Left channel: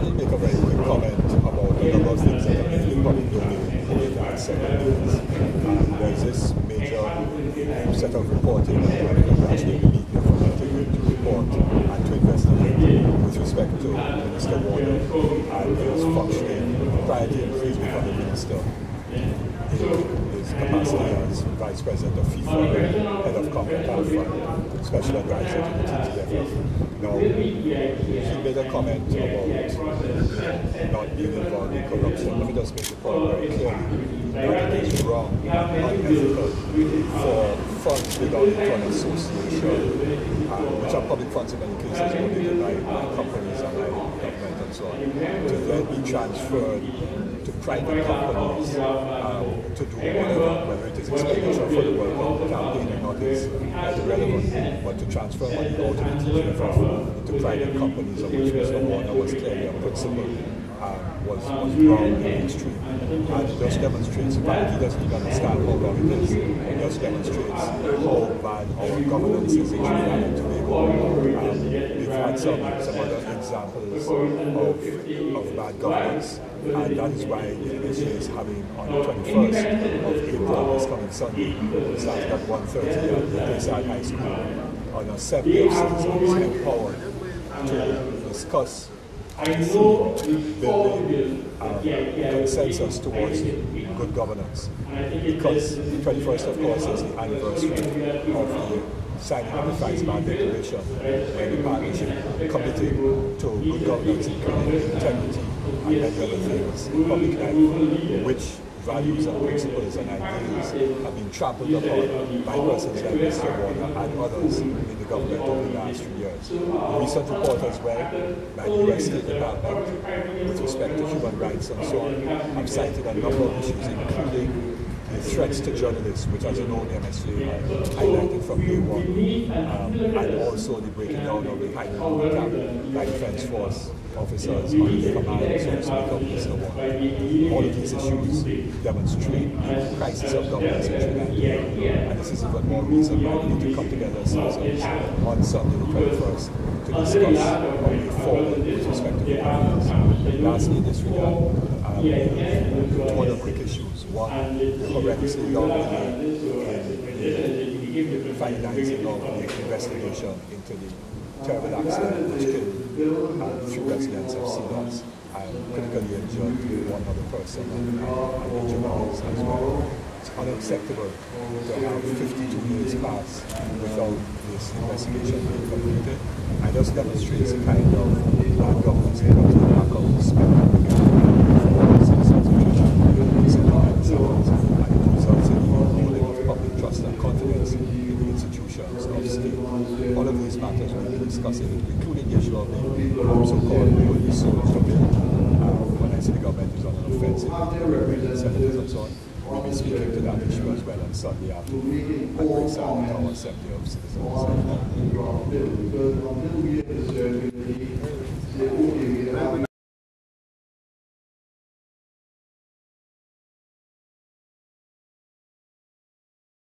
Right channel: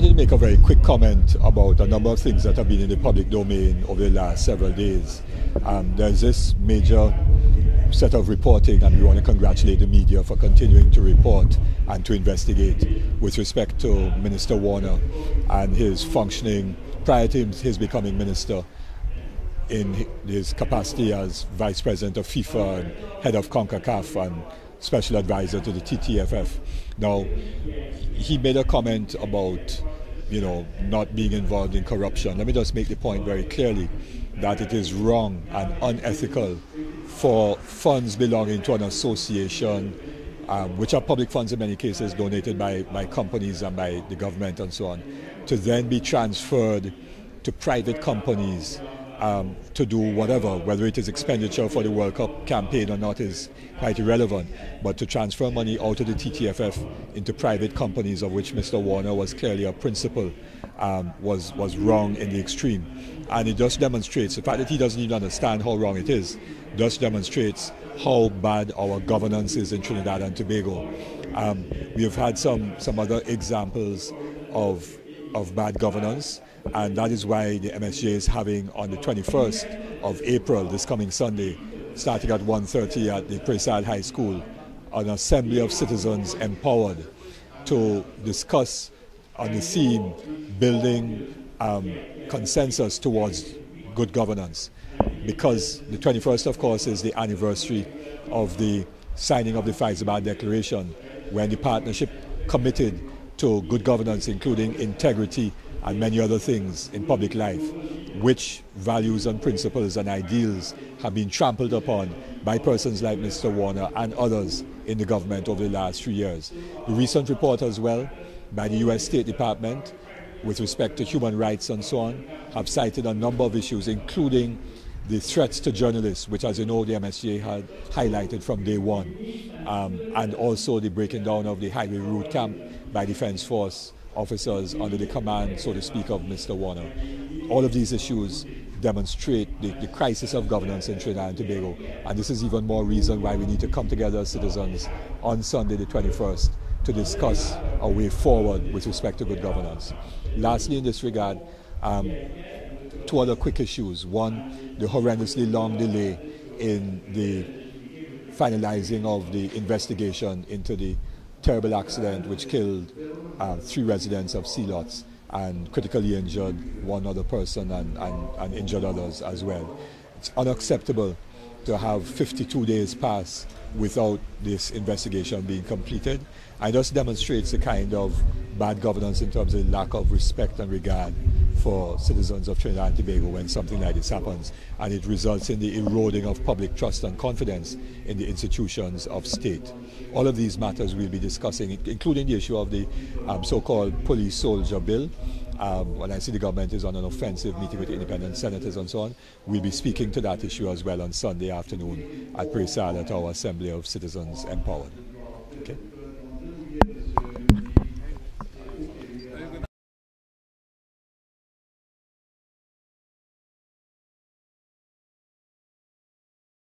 wanted to make a very quick comment about a number of things that have been in the public domain over the last several days. There's this major set of reporting, and we want to congratulate the media for continuing to report and to investigate with respect to Minister Warner and his functioning prior to his becoming minister in his capacity as Vice President of FIFA, Head of CONCACAF, and Special Advisor to the TTFF. Now, he made a comment about, not being involved in corruption. Let me just make the point very clearly that it is wrong and unethical for funds belonging to an association, which are public funds in many cases donated by companies and by the government and so on, to then be transferred to private companies to do whether it is expenditure for the World Cup campaign or not is quite irrelevant, but to transfer money out of the TTFF into private companies, of which Mr. Warner was clearly a principal, was wrong in the extreme. And it just demonstrates, in fact, he doesn't even understand how wrong it is. It just demonstrates how bad our governance is in Trinidad and Tobago. We've had some other examples of bad governance, and that is why the MSJ is having on the 21st of April, this coming Sunday, starting at 1:30 at the Breahfast High School, an assembly of citizens empowered to discuss on the theme building consensus towards good governance. Because the 21st, of course, is the anniversary of the signing of the Faizabad Declaration, when the partnership committed to good governance, including integrity and many other things in public life, which values and principles and ideals have been trampled upon by persons like Mr. Warner and others in the government over the last few years. The recent report as well by the US State Department with respect to human rights and so on have cited a number of issues, including the threats to journalists, which, as you know, the MSJ had highlighted from day one, and also the breaking down of the Highway Road camp by Defence Force officers under the command, so to speak, of Mr. Warner. All of these issues demonstrate the crisis of governance in Trinidad and Tobago, and this is even more reason why we need to come together as citizens on Sunday the 21st to discuss a way forward with respect to good governance. Lastly, in this regard, two other quick issues. One, the horrendously long delay in the finalizing of the investigation into the terrible accident which killed 3 residents of Sealots and critically injured one other person and injured others as well. It's unacceptable to have 52 days pass without this investigation being completed. And just demonstrates the kind of bad governance in terms of the lack of respect and regard for citizens of Trinidad and Tobago when something like this happens. And it results in the eroding of public trust and confidence in the institutions of state. All of these matters we'll be discussing, including the issue of the so-called police soldier bill. When I see the government is on an offensive meeting with independent senators and so on, we'll be speaking to that issue as well on Sunday afternoon at Breahfast at our Assembly of Citizens.